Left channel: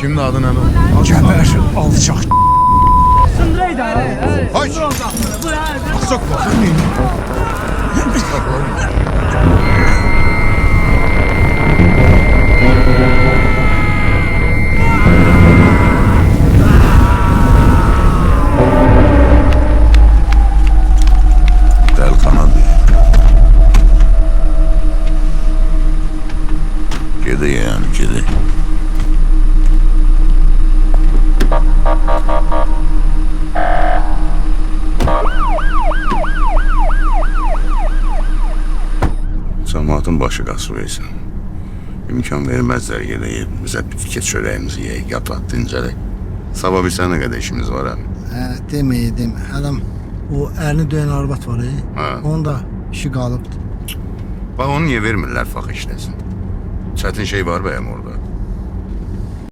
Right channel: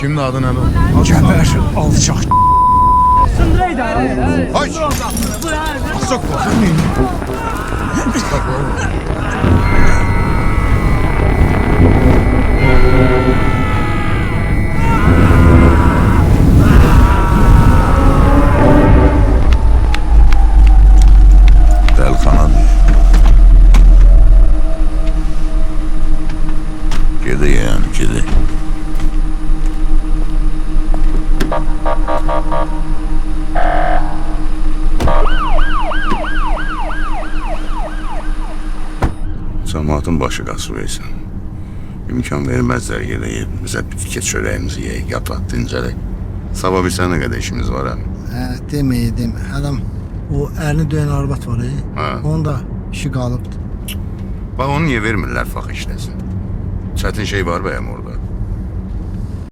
Kimin adı nədir? Cəbər alçaq. Haç! Asok bakın neyini? Dəlxana deyil. Gedi yani, gedi. Cəmaatın başı qasırıysan. İmkan verməzlər gedəyib, bizə bitki çörəyimizi yeyək, yataq, dincələk. Sabah bir sənə qədər işimiz var, hə? Demə. Adam o ərini döyən arvad var, Hə. onun da işi qalıbdı. Bax, onu niyə vermirlər fəx işləsin? Çətin şey var bəyəm orada?